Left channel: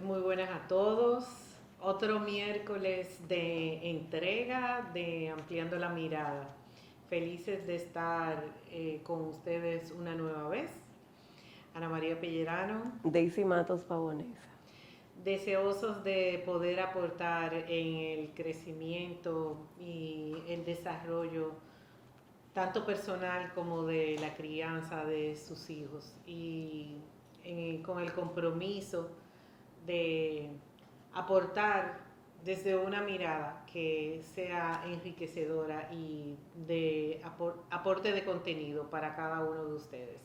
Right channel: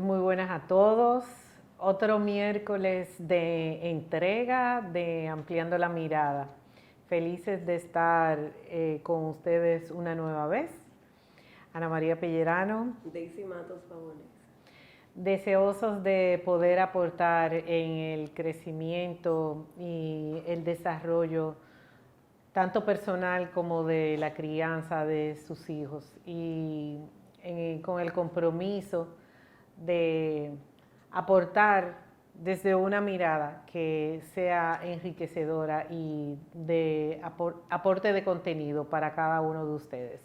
Muy buenas a todos. Otro miércoles de entrega de Ampliando la Mirada. Felices de estar con ustedes una nueva vez. Ana María Pellerano. Daisy Matos Pavonesa. Deseosos de poder aportar en el crecimiento y el desarrollo tanto personal como de la crianza de sus hijos y con el compromiso de aportar desde una mirada que sea enriquecedora y de aporte de contenido para cada uno de ustedes.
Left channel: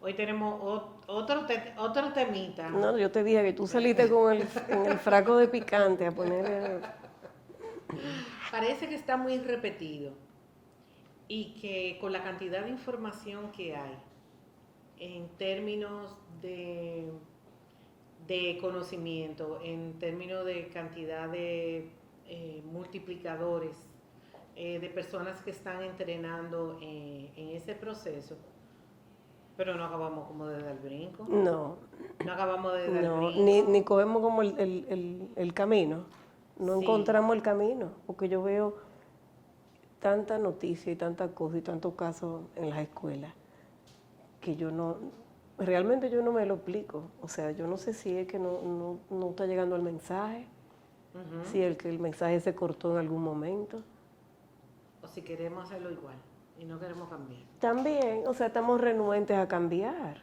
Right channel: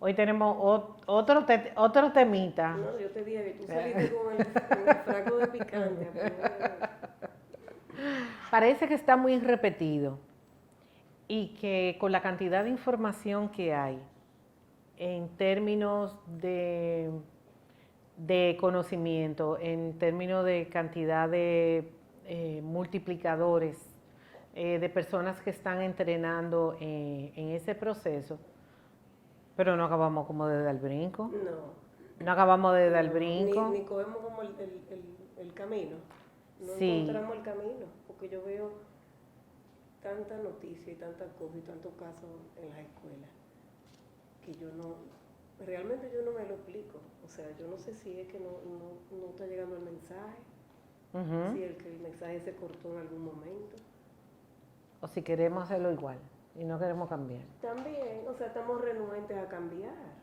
Hoy tenemos otro temita. No, yo te dije que tú saliste con el fraco de picante a poner. Parece que está muy repetido y que con la cantidad de información que hay en términos de conocimiento, en términos de cantidad de multiplicadores, de personas que están entrenando en ese proceso, pero no acabamos como de dar el brinco. No. No acabamos de dar el brinco. Ni cogemos como el camino. No Sí. encontramos el camino, porque yo veo tanta noticia y tantas cosas y tantos casos en las escuelas que realmente yo no me lo explico. O sea, yo no sé si es que no está llegando el mensaje, si el mensaje se cortó en algún momento. O si queremos hacerlo igual y no queremos cambiar. También, o sea, estamos renuentes a cambiar.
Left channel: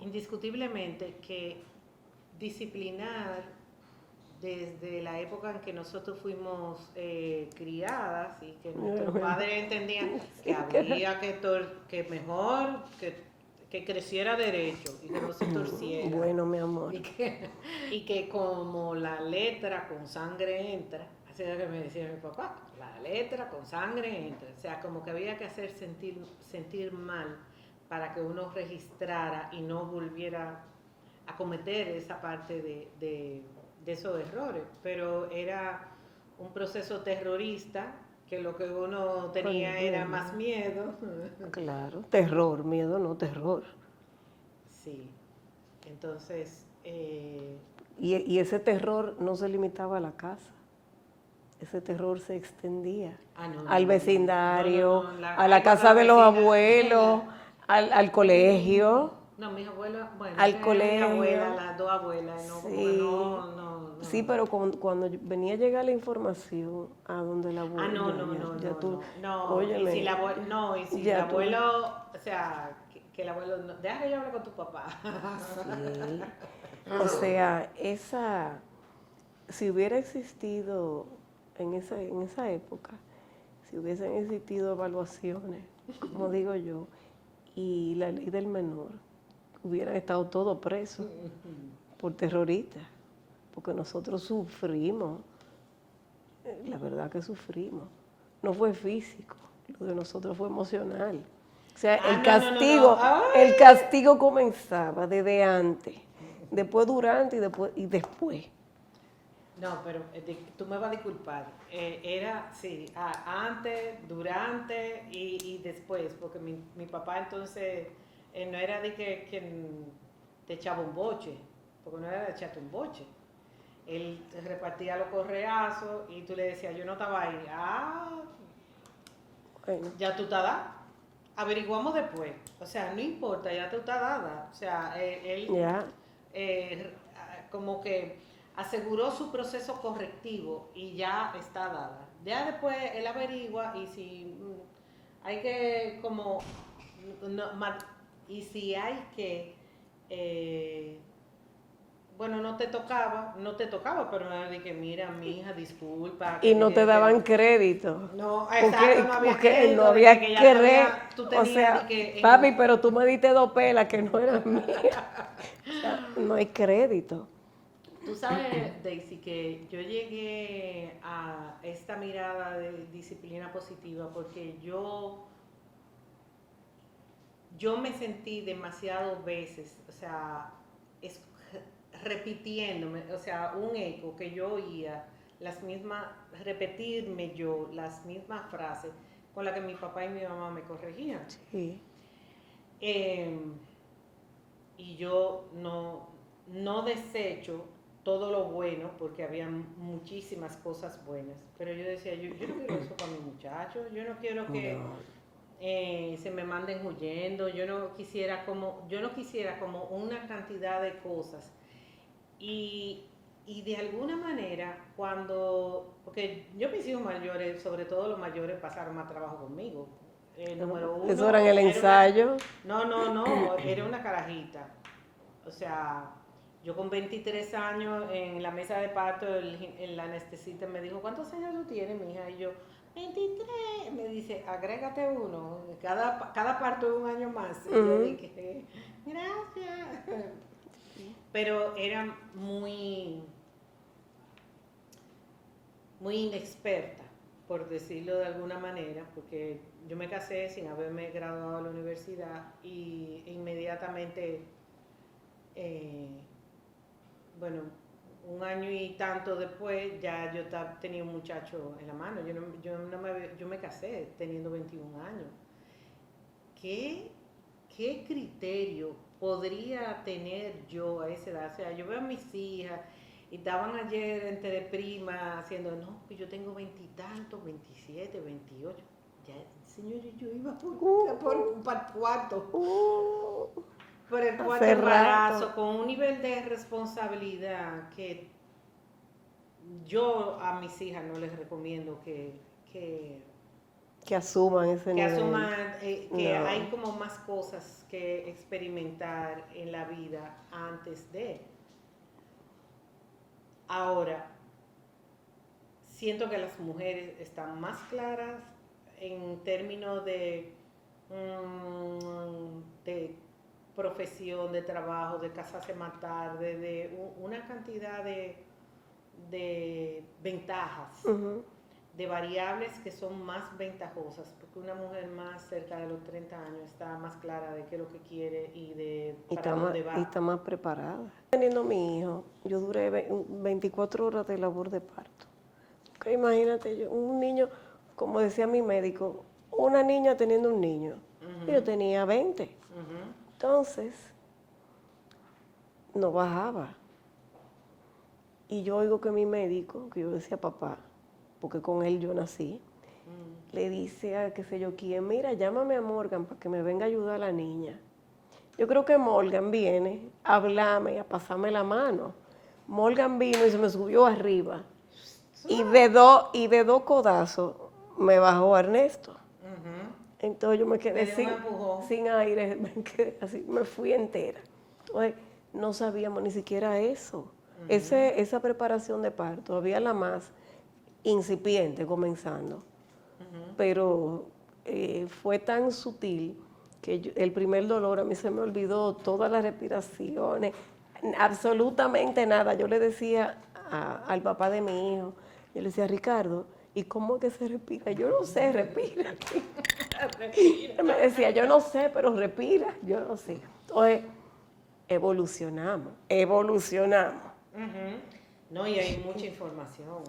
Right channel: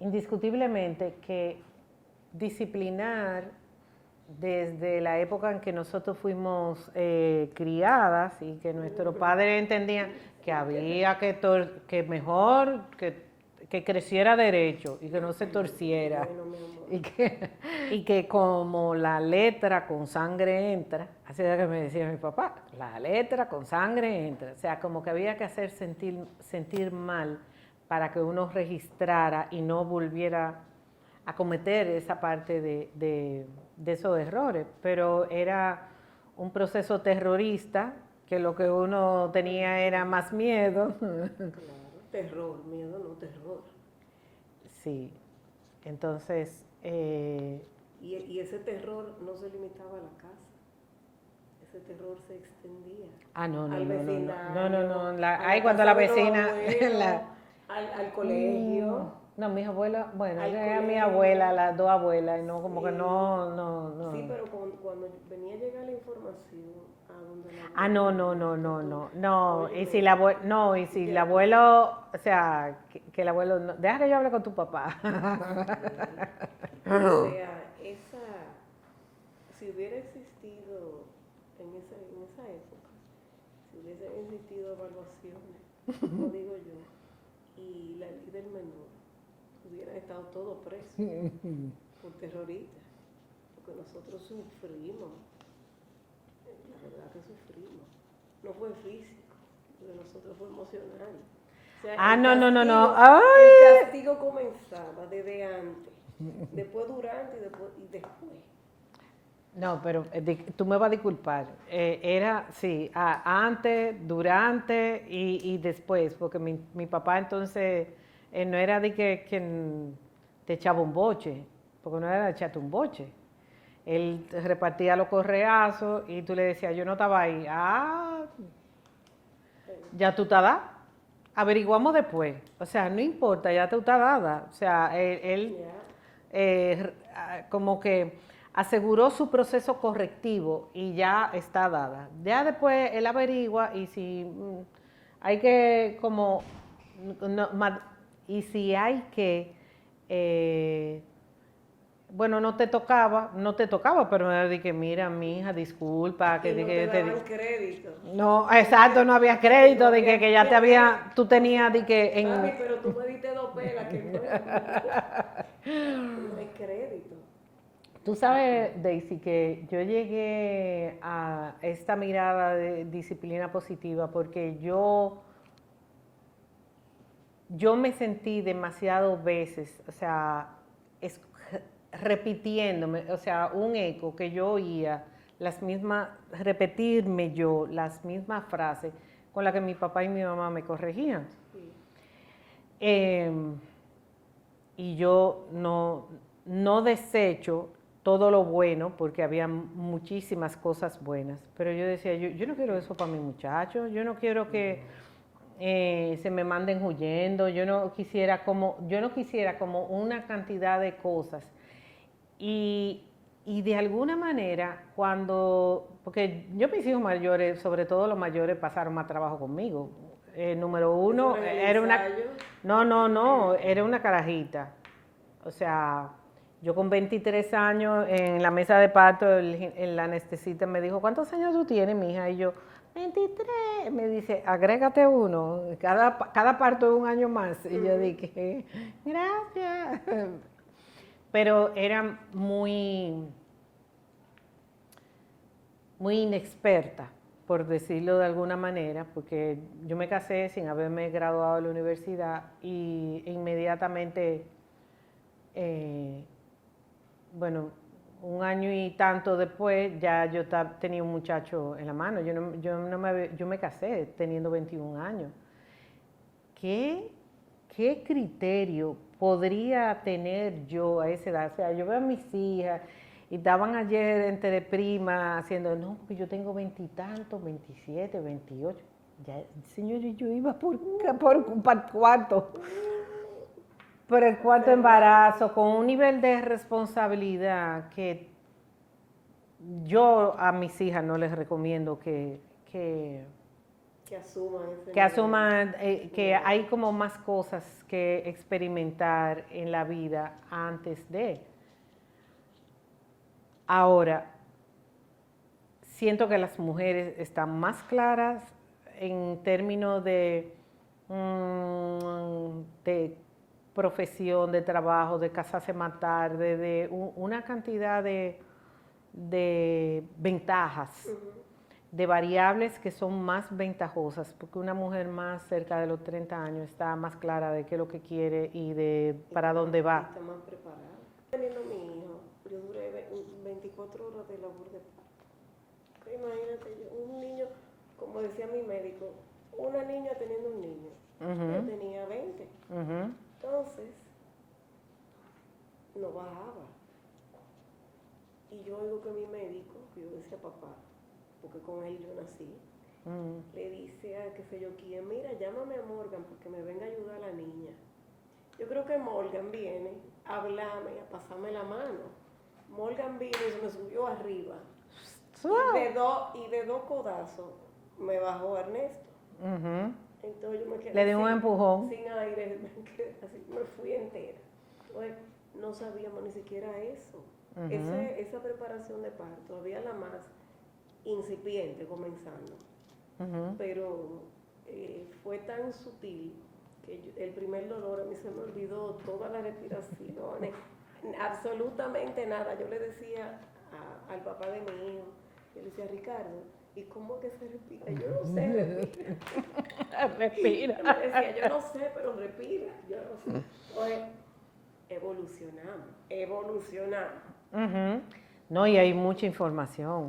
Indiscutiblemente que disciplinar desde la época en que nosotros fuimos criadas y que nuestros padres entendían que había que mejor que creciera derecho y que no se torciera. Bueno, mi amor. Y que como la letra con sangre entra, así era que me decía mi papá, la letra con sangre entra. O sea, como que había que hacer sentir mal para que uno registrara y no volviera a cometer esa parte de esos errores, pero era un proceso terrorista que lo que uno tenía era más miedo. Claro, terror, miedo no terror. Sí, entonces... Y ese terror no se limitaba a la casa, ese terror se extendía al vecindario, a la casa de los abuelos, al colegio. No, mis abuelas, bueno, al colegio. Mi abuela, las dos abuelas, no, Sí. como que no. Sí, pero cuando venía a llegar la información a donde la abuela. No. Y si el abuelo, o sea, que el abuelo, deja que yo hable con tu papá. Sí. O sea, si hubiera existido en esa época, si hubiesen existido evaluaciones, como digo yo, y la ley del menor, hubieran estado todos presos por terroristas, porque nosotros sufrimos, la verdad que sufrimos. No fue físico, lo de nosotros fue emocional. O sea, el castigo comenzaba desde antes, después durante y después. No, pero tú me vas a disculpar. Era, sí, antes, durante y después, porque mi papá entonces no era de que te echaba un boche, porque no era de echarte un boche. Él repartía los correazos y tú le decías, yo no estaba ahí. Bueno. Ya tú estás dada. Averiguamos después. O sea, no importa, ya tú estás dada. O sea, él como que aseguró su proceso correctivo y ya está dada. Ya después él averigua y si hay que y si hay que bueno, no te tocaba, pero era de que mira, mi hija, disculpa. Y no te daban crédito. No, exacto, no había crédito, de que ya te había, tú tenías de que... Papi, pero tú me diste 2 pelas que no eran mías. No hay crédito. Tú sabes, Daisy, que yo llegué a esta mirada de disciplina positiva porque yo yo me sentí demasiado veces, o sea, repitiéndome, o sea, un eco que yo oía, repetirme yo las mismas frases con las que mi papá y mi mamá me corregían. Sí. Eh, y yo no desecho todo lo bueno, porque había muchísimas cosas buenas, pero yo decía, yo no quiero eso para mi muchacho, yo no quiero que se me manden huyendo, yo no quisiera como una cantidad de cosas. Y de alguna manera, porque yo mis hijos mayores, sobre todo los mayores, pasaron más trabajo conmigo. Número uno. ¿Eso era en el ensayo? No, era una carajita. O sea, yo con 23 años en la mesa de parto, el anestesista me dijo, ¿cuántos años tú tienes, mija? Y yo, 23. Me dice, agrégate uno, cada parto es un año más. Y yo dije, gracias. Pero era muy inexperta, por decirlo de alguna manera, porque yo me casé sin haberme graduado de la universidad y inmediatamente, bueno, un año y tanto después ya yo tenía un muchacho en la mano. Yo me casé teniendo 21 años. ¿Qué criterio podría tener yo a esa edad? O sea, yo veo a mis hijas y estaban ayer entre primas haciendo, no, pues yo tengo 20 y tantos, 27, 28. Ya, señor, yo iba por cuarto. Por el cuarto embarazo, con un nivel de responsabilidad que yo a mis hijas no les recomiendo que asuman ese que nivel. asuman que hay como más cosas que experimentar en la vida antes de. Ahora, siento que las mujeres están más claras en términos de profesión, de trabajo, de casarse más tarde, de una cantidad de ventajas, de variables que son más ventajosas, porque una mujer más cerca de los 30 años está más clara de qué es lo que quiere y de para dónde va. Y está más preparada. Teniendo mi hijo, yo duré 24 horas de labor de parto. Okay, imagínate, un niño, como decía mi médico, una niña teniendo un niño. Yo tenía 20. Entonces, no bajaba. Y yo oigo que mi médico, que yo decía papá, porque con él yo nací, le dice a qué sé yo quién, mira, llámame a Morgan para que me venga a ayudar a la niña. Yo creo que Morgan viene a hablarme y a pasarme la mano. Morgan vino y se me subió arriba. Y de dos codazos me bajó Ernesto. Entonces yo me quedé sin aire, así, me fui entera. Entonces no sabíamos ni siquiera eso. Esa preparación de parto, había la más incipiente comenzando, pero fue tan sutil que el primer dolor a mí se me olvidó todas las respiraciones, absolutamente nada. Yo le decía al papá de mi hijo, yo le decía, Ricardo, ¿y cómo es que se respira? Yo no sé, respira. Respira. Me decía, yo no sé, pero respira. Yo no sé. Entonces, evolucionamos. No, y hay mucha información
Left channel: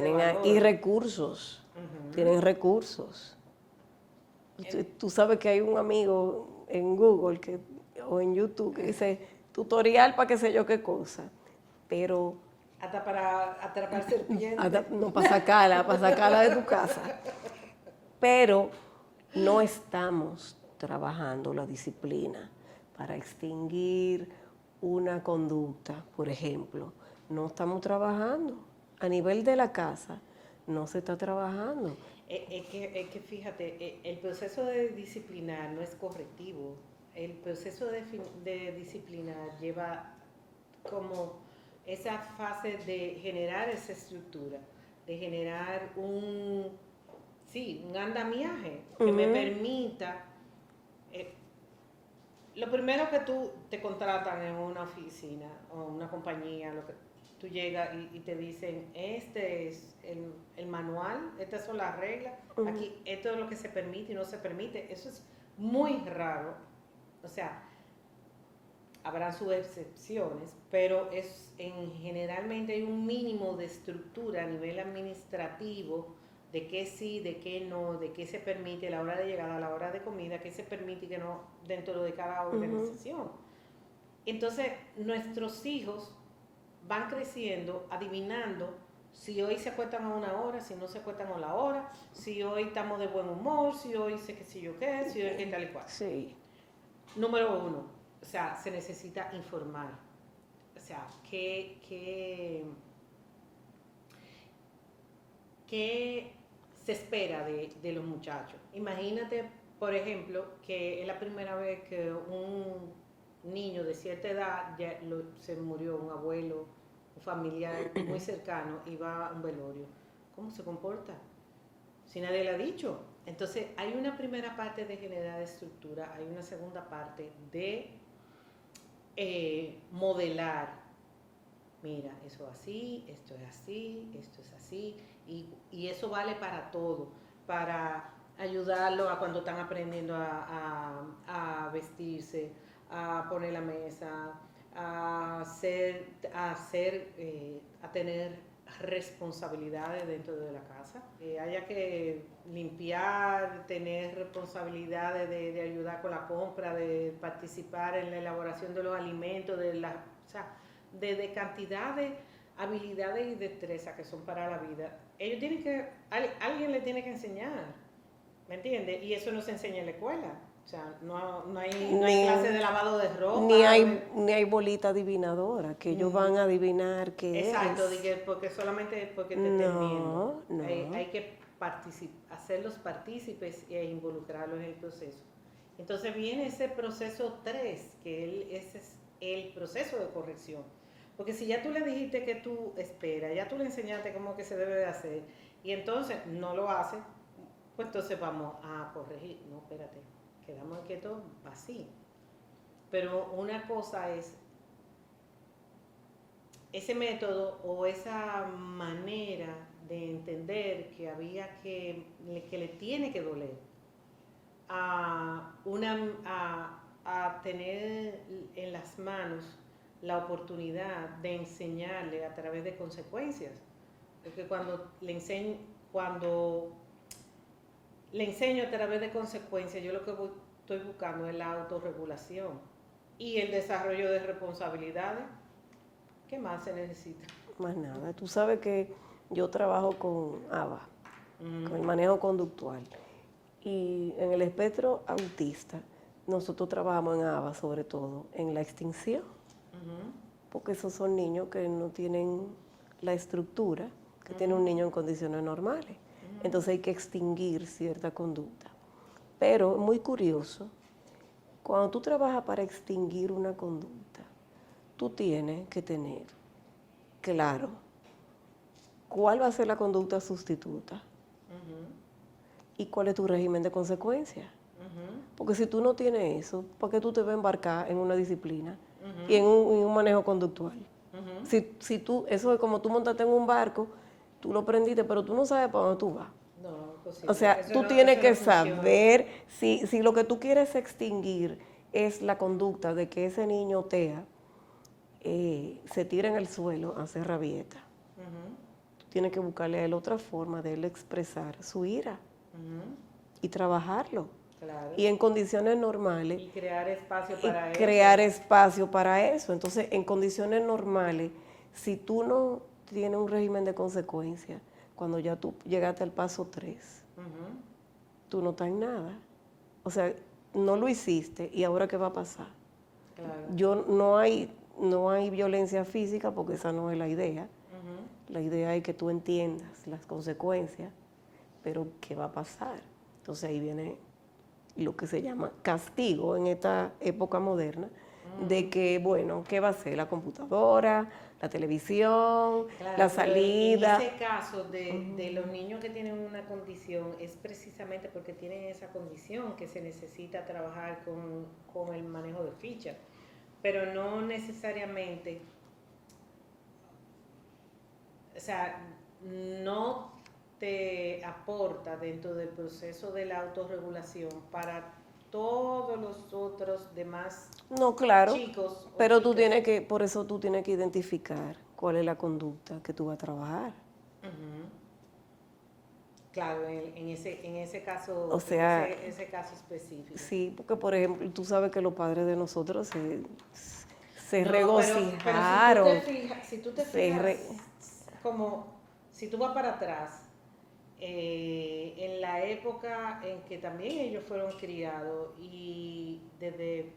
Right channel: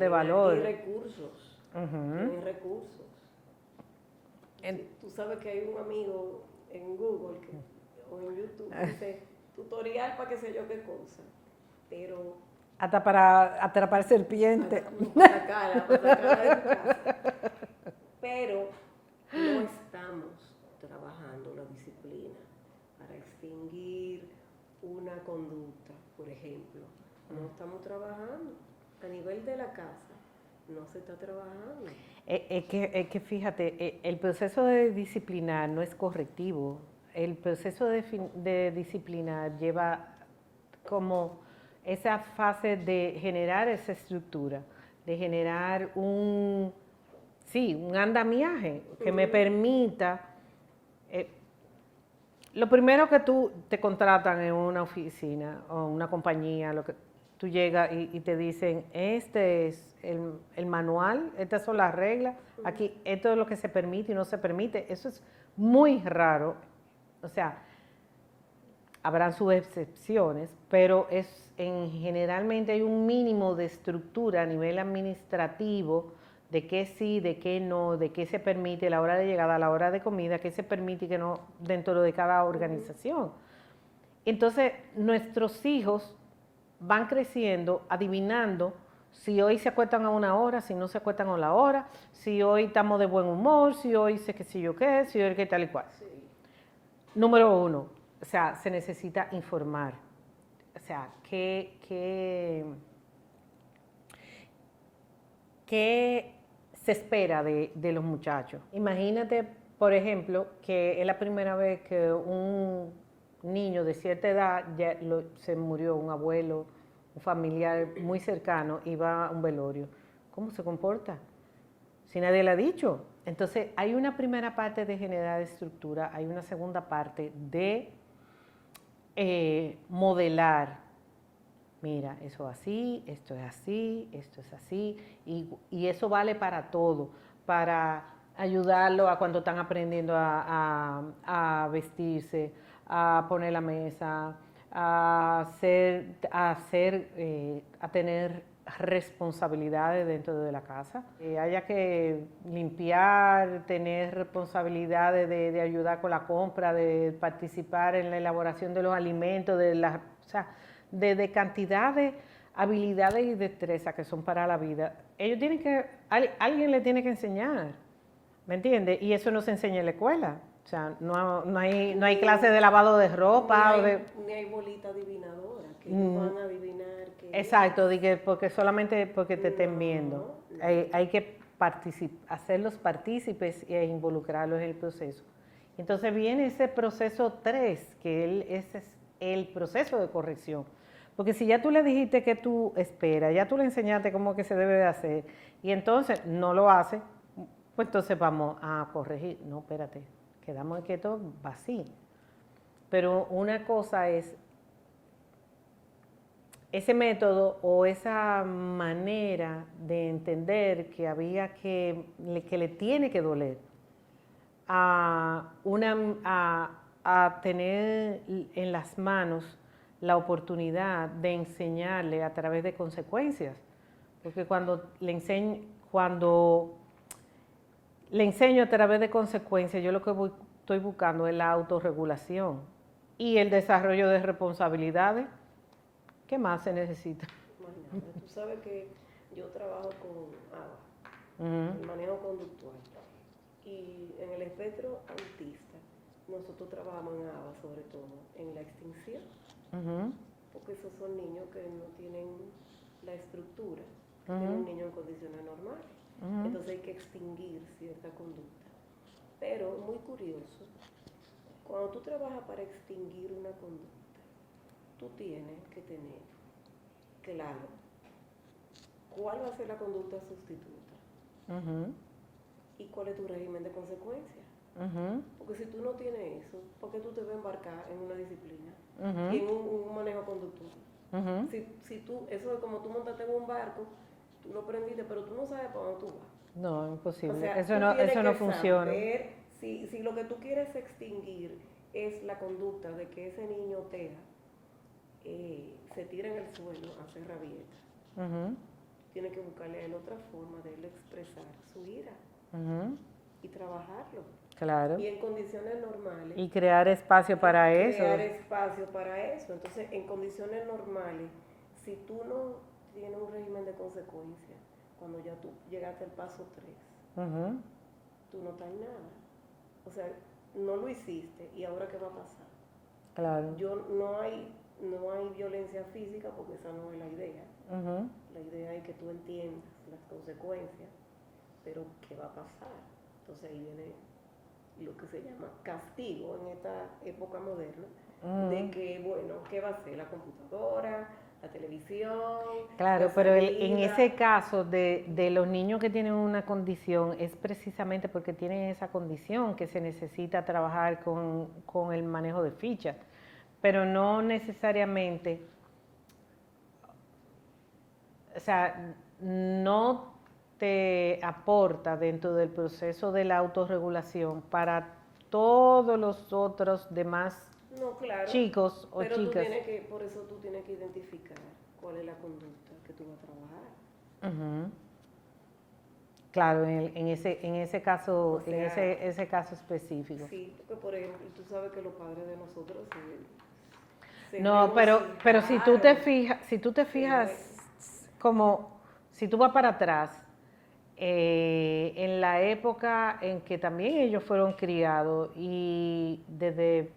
de valor. Y recursos. Tienen recursos. Tú sabes que hay un amigo en Google o en YouTube que dice tutorial para qué sé yo qué cosa, pero hasta para atrapar serpientes. No, para sacarla de tu casa. Pero no estamos trabajando la disciplina para extinguir una conducta, por ejemplo. No estamos trabajando. A nivel de la casa, no se está trabajando. Es que fíjate, el proceso de disciplinar no es correctivo. El proceso de disciplinar lleva como esa fase de generar esa estructura, de generar un andamiaje que me permita. Lo primero que tú te contratan en una oficina o una compañía, tú llegas y te dicen, este es el manual, estas son las reglas, aquí esto es lo que se permite y no se permite. Eso es muy raro, o sea, habrán sus excepciones, pero generalmente hay un mínimo de estructura a nivel administrativo de qué sí, de qué no, de qué se permite, la hora de llegada, la hora de comida, qué se permite y qué no dentro de cada organización. Entonces, nuestros hijos van creciendo adivinando si hoy se acuestan a una hora, si no se acuestan a la hora, si hoy estamos de buen humor, si hoy sé qué sé yo qué, si hoy qué tal y cual. Sí. Número uno, o sea, se necesita informar. O sea, ¿qué se espera de los muchachos? Imagínate, por ejemplo, que es la primera vez que un niño de cierta edad se murió, un abuelo, un familiar muy cercano, y va a un velorio. ¿Cómo se comporta? Si nadie le ha dicho. Entonces, hay una primera parte de generar estructura, hay una segunda parte de modelar. Mira, eso así, esto es así, esto es así, y eso vale para todo, para ayudarlo a cuando están aprendiendo a vestirse, a poner la mesa, a tener responsabilidades dentro de la casa. Haya que limpiar, tener responsabilidades de ayudar con la compra, de participar en la elaboración de los alimentos, o sea, de cantidad de habilidades y destrezas que son para la vida. Ellos tienen que, alguien le tiene que enseñar, ¿me entiendes? Y eso no se enseña en la escuela. O sea, no hay clase de lavado de ropa. Ni hay bolita adivinadora, que ellos van a adivinar qué exacto, es. porque solamente porque te estén viendo. No. Hay que hacerlos partícipes e involucrarlos en el proceso. Entonces viene ese proceso 3, ese es el proceso de corrección. Porque si ya tú le dijiste que tú esperas, ya tú le enseñaste cómo que se debe de hacer, y entonces no lo hace, pues entonces vamos a corregir. No, espérate, quedamos quietos, va así. Pero una cosa es ese método o esa manera de entender que que le tiene que doler a tener en las manos la oportunidad de enseñarle a través de consecuencias. Porque cuando le enseño a través de consecuencias, yo lo que estoy buscando es la autorregulación y el desarrollo de responsabilidades. ¿Qué más se necesita? Más nada. Tú sabes que yo trabajo con ABA, con el manejo conductual. Y en el espectro autista, nosotros trabajamos en ABA, sobre todo, en la extinción. Porque esos son niños que no tienen la estructura que tiene un niño en condiciones normales. Entonces hay que extinguir cierta conducta. Pero muy curioso, cuando tú trabajas para extinguir una conducta, tú tienes que tener claro cuál va a ser la conducta sustituta y cuál es tu régimen de consecuencias. Porque si tú no tienes eso, ¿por qué tú te vas a embarcar en una disciplina y en un manejo conductual? Si tú, eso es como tú montaste en un barco, tú lo prendiste, pero tú no sabes para dónde tú vas. No, imposible. O sea, tú tienes que saber si lo que tú quieres extinguir es la conducta de que ese niño TEA se tira en el suelo a hacer rabieta. Tú tienes que buscarle a él otra forma de él expresar su ira y trabajarlo. Claro. Y en condiciones normales. Y crear espacio para eso. Crear espacio para eso. Entonces, en condiciones normales, si tú no tienes un régimen de consecuencias, cuando ya tú llegaste al paso 3, tú no estás en nada. O sea, no lo hiciste y ahora ¿qué va a pasar? Claro. No hay violencia física porque esa no es la idea. La idea es que tú entiendas las consecuencias, pero ¿qué va a pasar? Entonces ahí viene lo que se llama castigo en esta época moderna, de que, bueno, ¿qué va a ser? La computadora, la televisión, claro, la salida. En ese caso de los niños que tienen una condición, es precisamente porque tienen esa condición que se necesita trabajar con el manejo de fichas, pero no necesariamente, o sea, no te aporta dentro del proceso de la autorregulación para todos los otros demás No, claro. chicos o Pero tú chicas. tienes que, por eso tú tienes que identificar cuál es la conducta que tú vas a trabajar. Ujú. Claro, en ese caso, O sea, ese caso específico. sí, porque por ejemplo, tú sabes que los padres de nosotros se No, pero regocijaron. si tú te se fijas, re- como si tú vas para atrás, en la época en que también ellos fueron criados y desde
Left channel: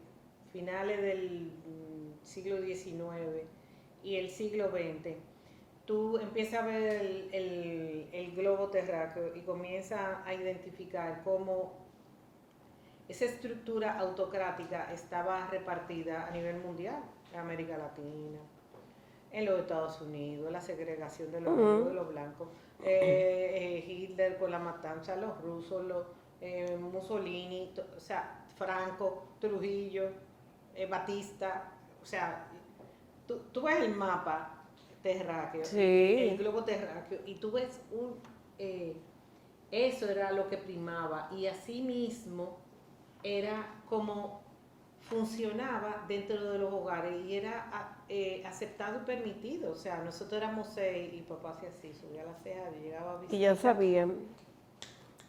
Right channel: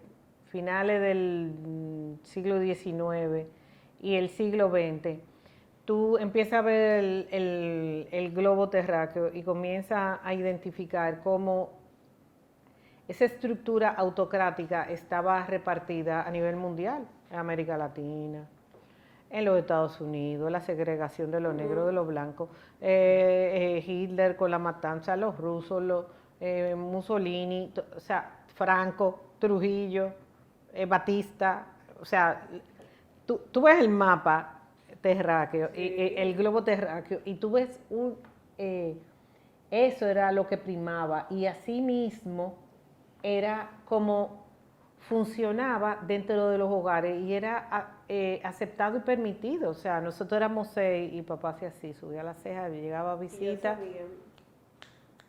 finales del siglo XIX y el siglo XX, tú empiezas a ver el globo terráqueo y comienzas a identificar cómo esa estructura autocrática estaba repartida a nivel mundial, en América Latina, en los Estados Unidos, la segregación de los negros, de los blancos, Hitler con la matanza, los rusos, Mussolini, o sea, Franco, Trujillo, Batista, o sea, tú ves el mapa terráqueo, el Sí, globo terráqueo, y tú ves eso era lo que primaba, y así mismo era como funcionaba dentro de los hogares y era aceptado y permitido. O sea, nosotros éramos 6 y papá hacía así, subía la ceja, llegaba a y ya visita. sabían,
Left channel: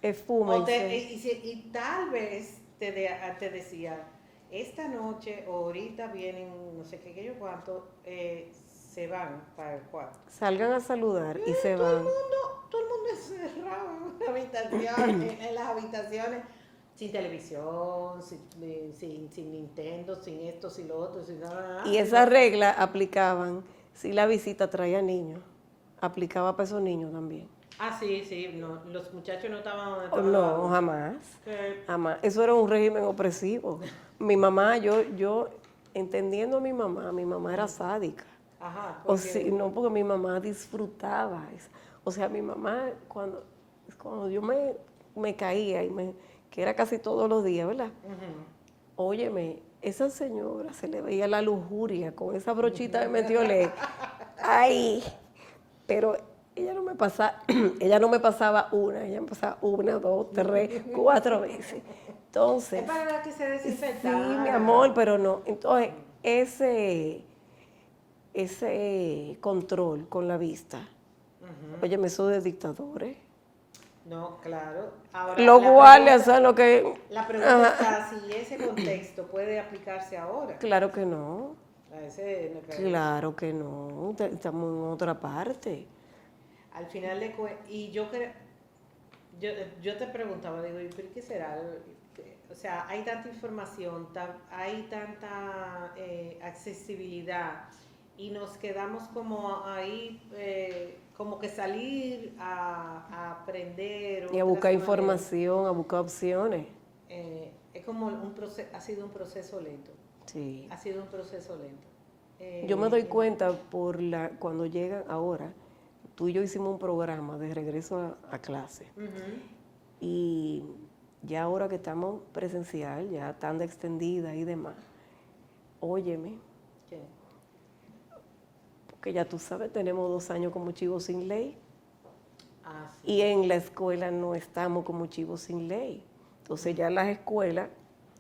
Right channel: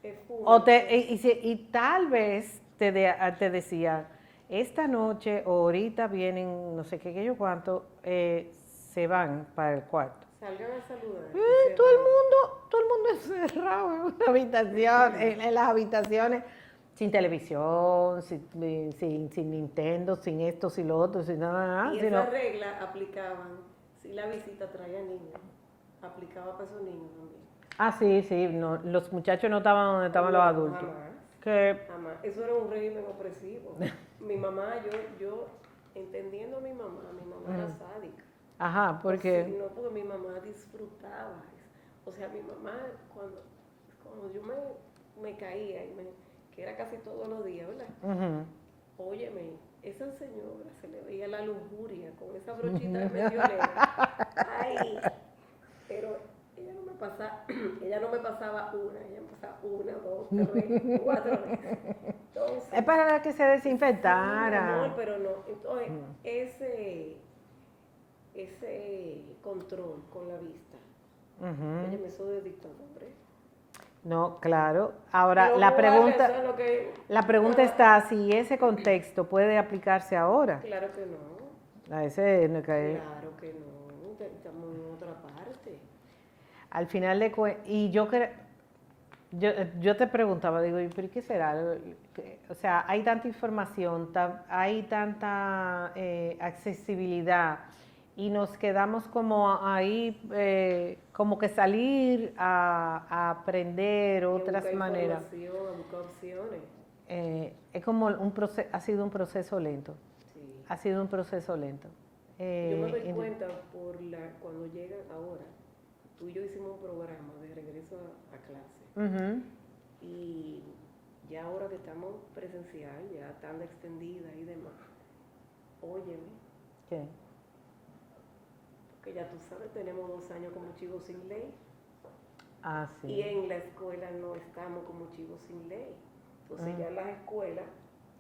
espuma Y tal vez te decía, esta noche o ahorita vienen, no sé qué, qué yo cuánto, se van para el cuarto. salgan a saludar y se Todo el van. mundo, todo el mundo encerrado en una habitación, en las habitaciones, sin televisión, sin Nintendo, sin esto, sin lo otro, sin nada, Y sino- esas reglas aplicaban si la visita traía niños, aplicaba para esos niños también. Ah, sí, sí, no, los muchachos no estaban donde Oh, estaban los no, adultos. jamás. Que, Jamás. Eso era un régimen opresivo. Mi mamá, yo entendiendo a mi mamá era sádica. ajá, O sí, porque, no, porque mi mamá disfrutaba. O sea, mi mamá, cuando yo me caía, que era casi todos los días, ¿verdad? ujú. Óyeme, esa señora se le veía la lujuria con esa brochita de metiolé. Ay, pero ella no me pasaba una, ella me pasaba una, dos, tres, cuatro veces. Entonces, Es para que se sí, mi desinfectara. amor, pero no. Entonces, ese control con la vista, óyeme, eso de dictadores. No, claro. Ahora, Los guardias son lo que... la pregunta está si ese contexto puede aplicarse ahora. Claro que no, A ese, no que- claro que no, estamos en otra parte. Al final de cuentas, y yo te preguntaba, digo, ¿y por qué será? O sea, hay tanta información, hay tanta accesibilidad y nos quedamos como ahí, como que salir a aprender Y a otras buscar maneras. información, a buscar opciones. Es como ha sido un proceso lento, Sí. ha sido un proceso lento. Yo me doy cuenta cuando llegan ahora, tú y yo hicimos un programa de regreso a clase. Ujú. Y ya ahora que estamos presencial, ya tan extendida y demás, óyeme, ¿Qué? porque ya tú sabes, tenemos 2 años como chivos sin ley Ah, sí. y en la escuela no estamos como chivos sin ley. Entonces ya en las escuelas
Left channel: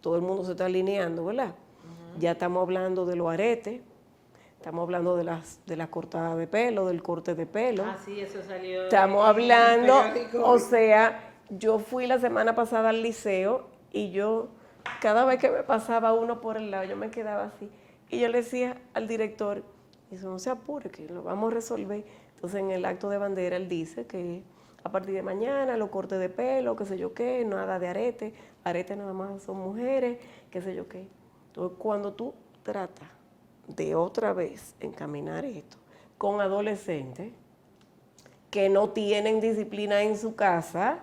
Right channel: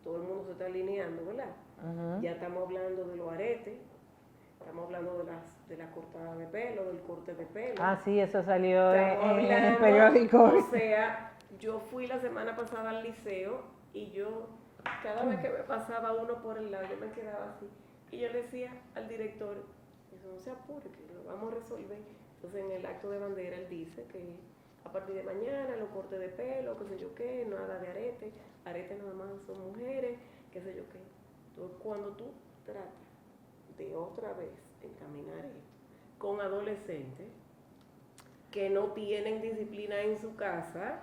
todo el mundo se está alineando, ¿verdad? Ya estamos hablando de los aretes, estamos hablando de la cortada de pelo, del corte de pelo. Ah, sí, eso salió Estamos en el hablando, periódico. o sea, yo fui la semana pasada al liceo y yo, cada vez que me pasaba uno por el lado, yo me quedaba así. Y yo le decía al director, eso no se apure, que lo vamos a resolver. Entonces en el acto de bandera él dice que a partir de mañana los cortes de pelo, qué sé yo qué, nada de arete, arete nada más son mujeres, qué sé yo qué. Entonces cuando tú tratas de otra vez encaminar esto con adolescentes, que no tienen disciplina en su casa,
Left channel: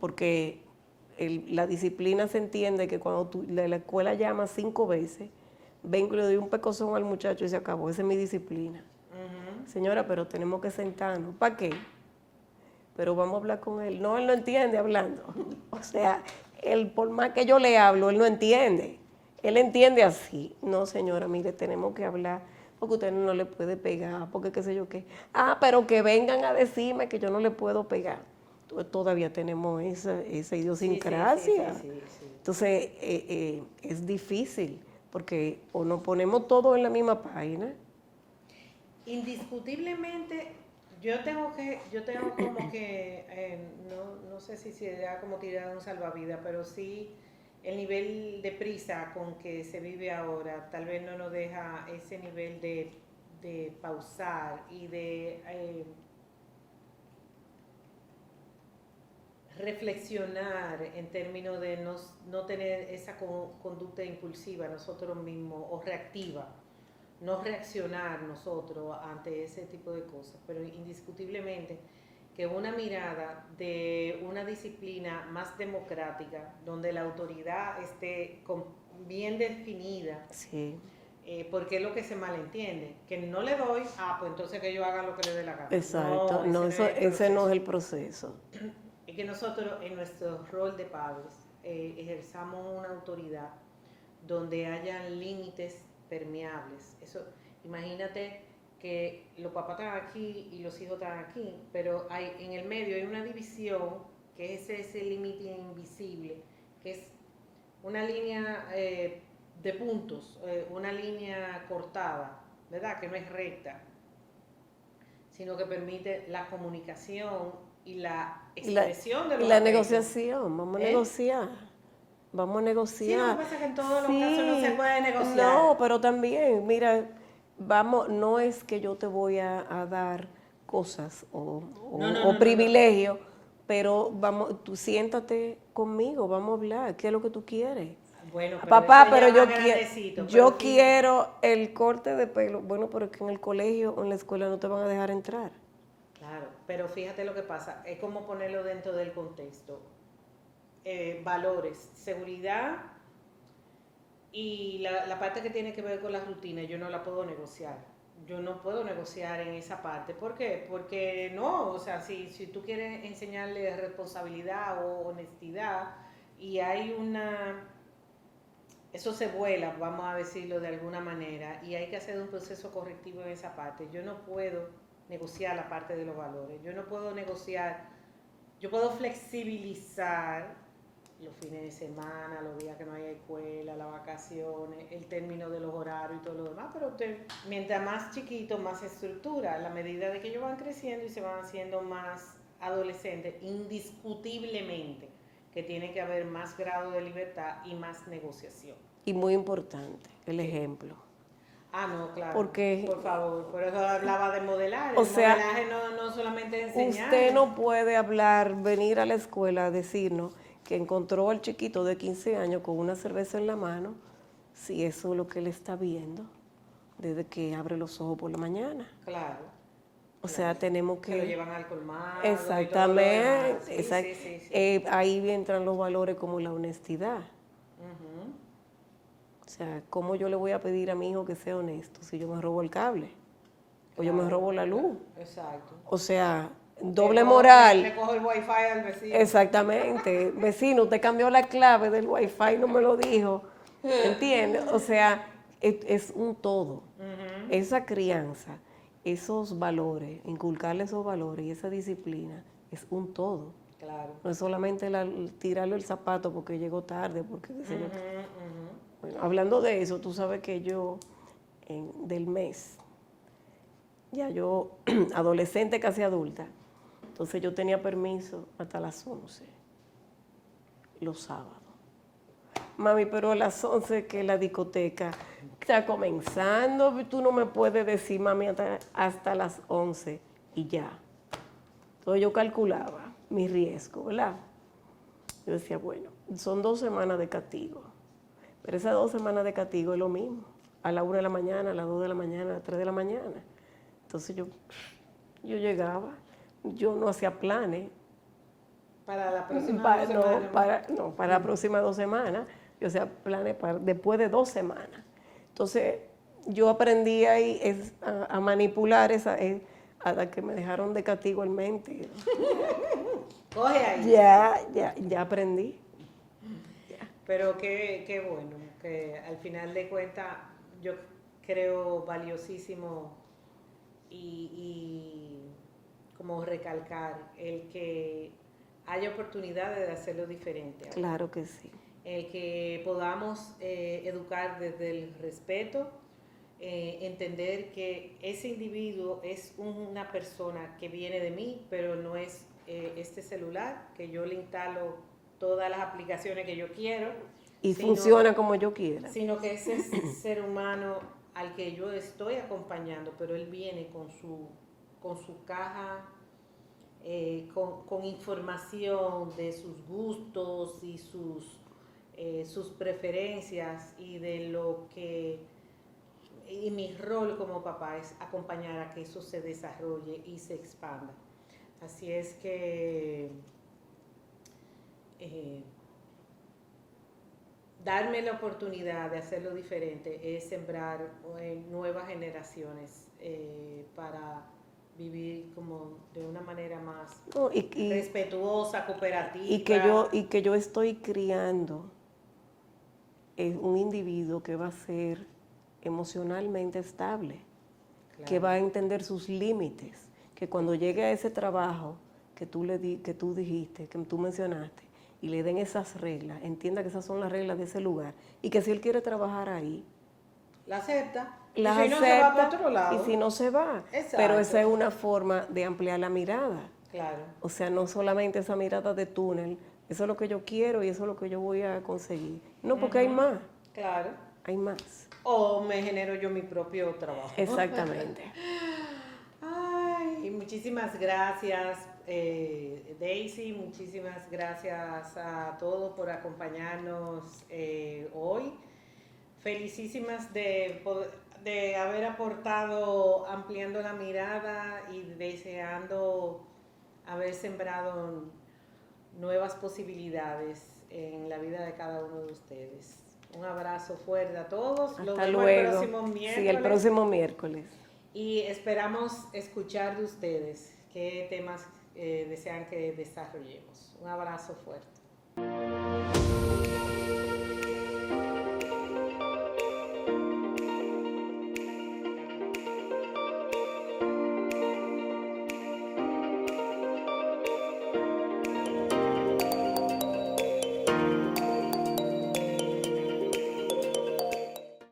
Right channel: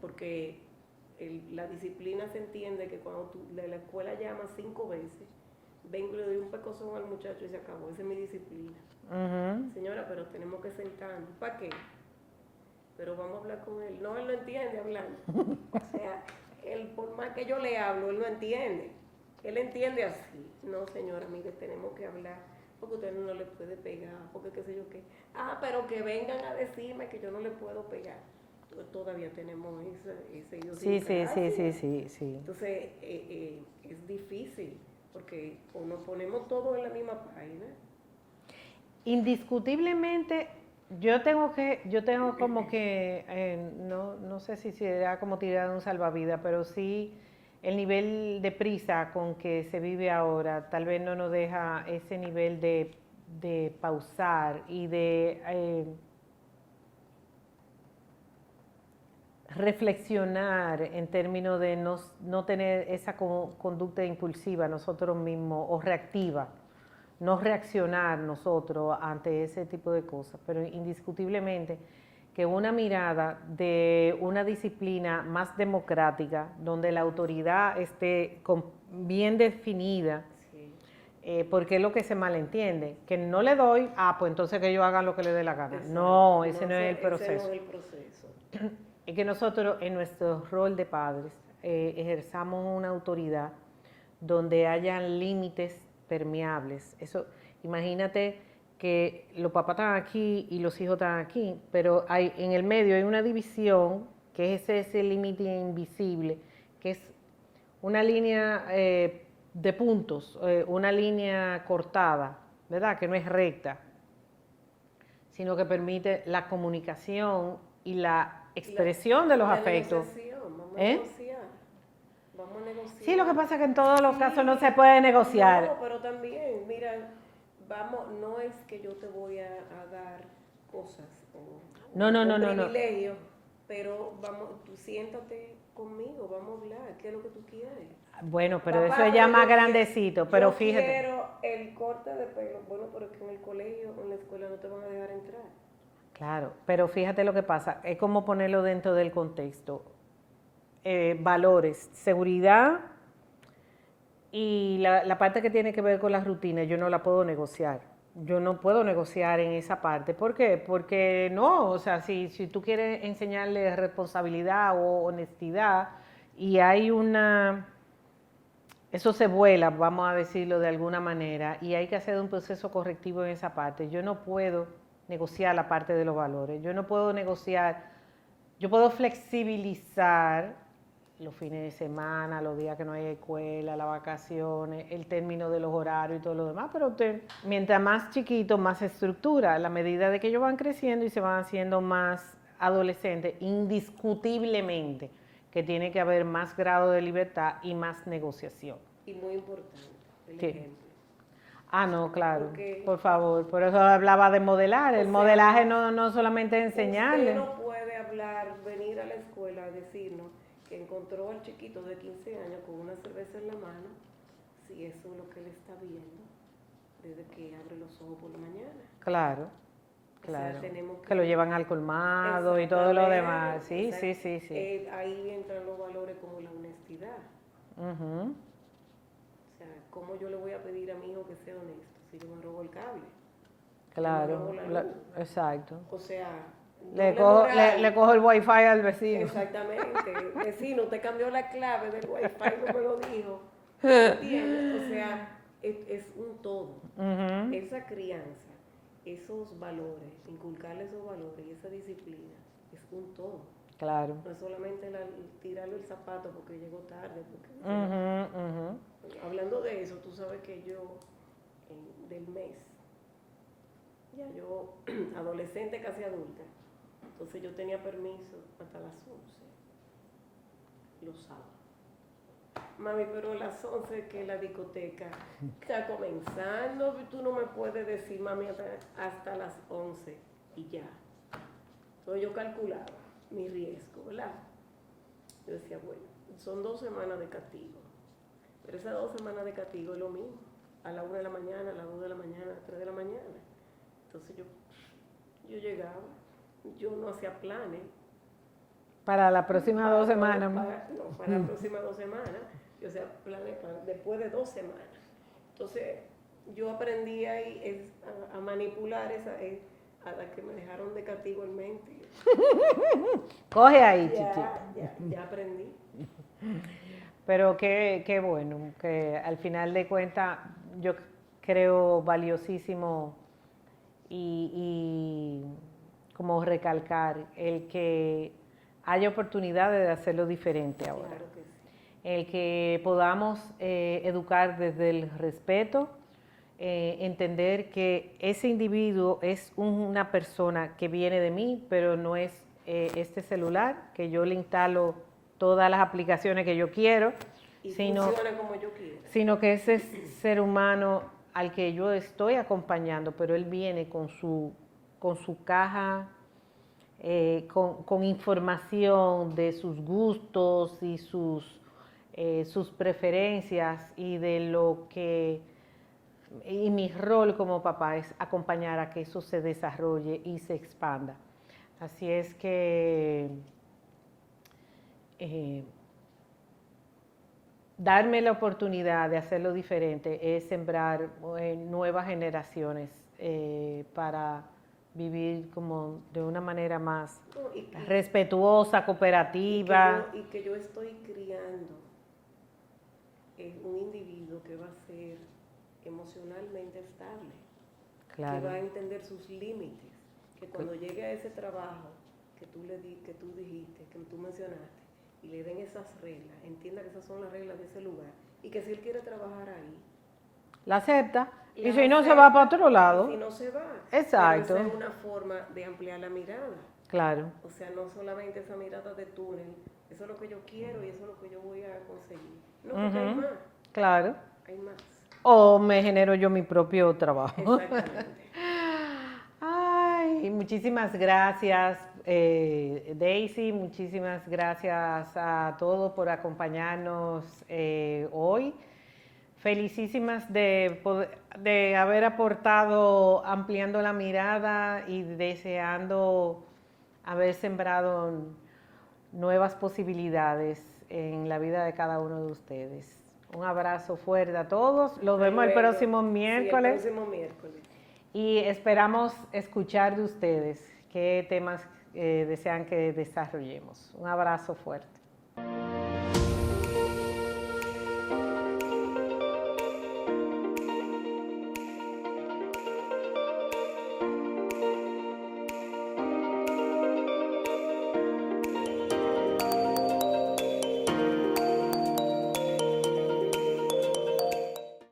porque la disciplina se entiende que cuando la escuela llama 5 veces, vengo y le doy un pecozón al muchacho y se acabó, esa es mi disciplina. Señora, pero tenemos que sentarnos. ¿Para qué? Pero vamos a hablar con él. No, él no entiende hablando. O sea, por más que yo le hablo, él no entiende. Él entiende así. No, señora, mire, tenemos que hablar porque usted no le puede pegar, porque qué sé yo qué. Ah, pero que vengan a decirme que yo no le puedo pegar. todavía tenemos esa Sí, idiosincrasia. sí. Entonces, es difícil, porque o nos ponemos todos en la misma página. Indiscutiblemente, yo tengo como que, no sé si será como tirar un salvavidas, pero sí el nivel de prisa con que se vive ahora, tal vez no nos deja ese nivel de pausar y de reflexionar en términos de no tener esa conducta impulsiva nosotros mismos o reactiva, no reaccionar nosotros ante ese tipo de cosas, pero indiscutiblemente que una mirada de una disciplina más democrática, donde la autoridad esté bien definida, Sí. porque es lo que se malentiende, que no le doy, pues entonces que ellos hagan lo que les dé la gana. Exacto. No, ese no es el proceso. Ese no es el proceso. Es que nosotros en nuestro rol de padres ejerzamos una autoridad donde hayan límites permeables. Eso, imagínate que los papás están aquí y los hijos están aquí, pero en el medio hay una división que es ese límite invisible, que es una línea de puntos, una línea cortada, ¿verdad? Que no es recta, sino que permite la comunicación y la expresión de los la afectos. Negociación, vamos a negociar. Vamos a negociar. Sí, lo que pasa es que en todos los casos no se puede negociar. No, pero también, mira, no es que yo te voy a dar cosas o privilegios, pero tú siéntate conmigo, vamos a hablar, ¿qué es lo que tú quieres? Bueno, pero papá, eso ya más grandecito. Yo quiero el corte de pelo. Bueno, pero es que en el colegio o en la escuela no te van a dejar entrar. Claro, pero fíjate lo que pasa, es como ponerlo dentro del contexto. Valores, seguridad y la parte que tiene que ver con las rutinas, yo no la puedo negociar. Yo no puedo negociar en esa parte. ¿Por qué? Porque no, o sea, si tú quieres enseñarle responsabilidad o honestidad y hay eso se vuela, vamos a decirlo de alguna manera, y hay que hacer un proceso correctivo en esa parte. Yo no puedo negociar la parte de los valores, yo no puedo negociar, yo puedo flexibilizar los fines de semana, los días que no hay escuela, las vacaciones, el término de los horarios y todo lo demás, pero mientras más chiquito, más estructura, a la medida de que ellos van creciendo y se van haciendo más adolescentes, indiscutiblemente que tiene que haber más grado de libertad y más negociación. Y muy importante, el ejemplo. No, claro. Porque, por favor, por eso hablaba de modelar. El modelaje no solamente es enseñar. Usted no puede venir a la escuela a decirnos que encontró al chiquito de 15 años con una cerveza en la mano, si eso es lo que él está viendo desde que abre los ojos por la mañana. Claro. O sea, tenemos que... Se lo llevan al colmado y todo lo demás. Sí. Ahí entran los valores como la honestidad. O sea, ¿cómo yo le voy a pedir a mi hijo que sea honesto si yo me robo el cable? Claro, yo me robo la luz. Exacto. O sea, doble moral. Le cojo el wifi al vecino. Exactamente. Vecino, usted cambió la clave del wifi, no me lo dijo. ¿Entiendes? O sea, es un todo. Esa crianza, esos valores, inculcarle esos valores y esa disciplina, es un todo. Claro. No es solamente tirarle el zapato porque llegó tarde. Porque, Bueno, hablando de eso, tú sabes que yo, del mes, ya yo, adolescente, casi adulta, entonces yo tenía permiso hasta las 11, los sábados. Mami, pero a las 11 que la discoteca está comenzando, tú no me puedes decir, mami, hasta las 11 y ya. Entonces yo calculaba mi riesgo, ¿verdad? Yo decía, bueno, son 2 semanas de castigo, pero esas 2 semanas de castigo es lo mismo, a la 1 de la mañana, a las 2 de la mañana, a las 3 de la mañana. Entonces yo llegaba, yo no hacía planes. Para la próxima 2 semanas. Para las próximas 2 semanas, yo hacía planes después de 2 semanas. Entonces yo aprendí ahí a manipular hasta que me dejaron de castigo en mente. Coge ahí. Ya aprendí. Pero qué bueno, que al final de cuentas yo creo valiosísimo y como recalcar el que haya oportunidades de hacerlo diferente ahora. Claro que sí. El que podamos educar desde el respeto, entender que ese individuo es una persona que viene de mí, pero no es este celular, que yo le instalo todas las aplicaciones que yo quiero. Y funciona como yo quiera. Sino que ese ser humano al que yo estoy acompañando, pero él viene con su caja, con información de sus gustos y sus preferencias y de lo que, y mi rol como papá es acompañar a que eso se desarrolle y se expanda. Así es que darme la oportunidad de hacerlo diferente es sembrar nuevas generaciones para vivir como de una manera más respetuosa, cooperativa. Y que yo estoy criando un individuo que va a ser emocionalmente estable, claro, que va a entender sus límites, que cuando llegue a ese trabajo que tú dijiste, que tú mencionaste, y le den esas reglas, entienda que esas son las reglas de ese lugar, y que si él quiere trabajar ahí, la acepta, y si no se va para otro lado. Y si no se va. Exacto. Pero esa es una forma de ampliar la mirada. Claro. O sea, no solamente esa mirada de túnel, eso es lo que yo quiero y eso es lo que yo voy a conseguir. No, porque hay más. Claro. Hay más. O me genero yo mi propio trabajo. Exactamente. Ay, muchísimas gracias, Daisy, muchísimas gracias a todos por acompañarnos hoy. Felicísimas de haber aportado ampliando la mirada y deseando haber sembrado nuevas posibilidades en la vida de cada uno de ustedes. Un abrazo fuerte a todos. Los vemos el próximo miércoles. Sí, el próximo miércoles. Y esperamos escuchar de ustedes qué temas desean que desarrollemos. Un abrazo fuerte.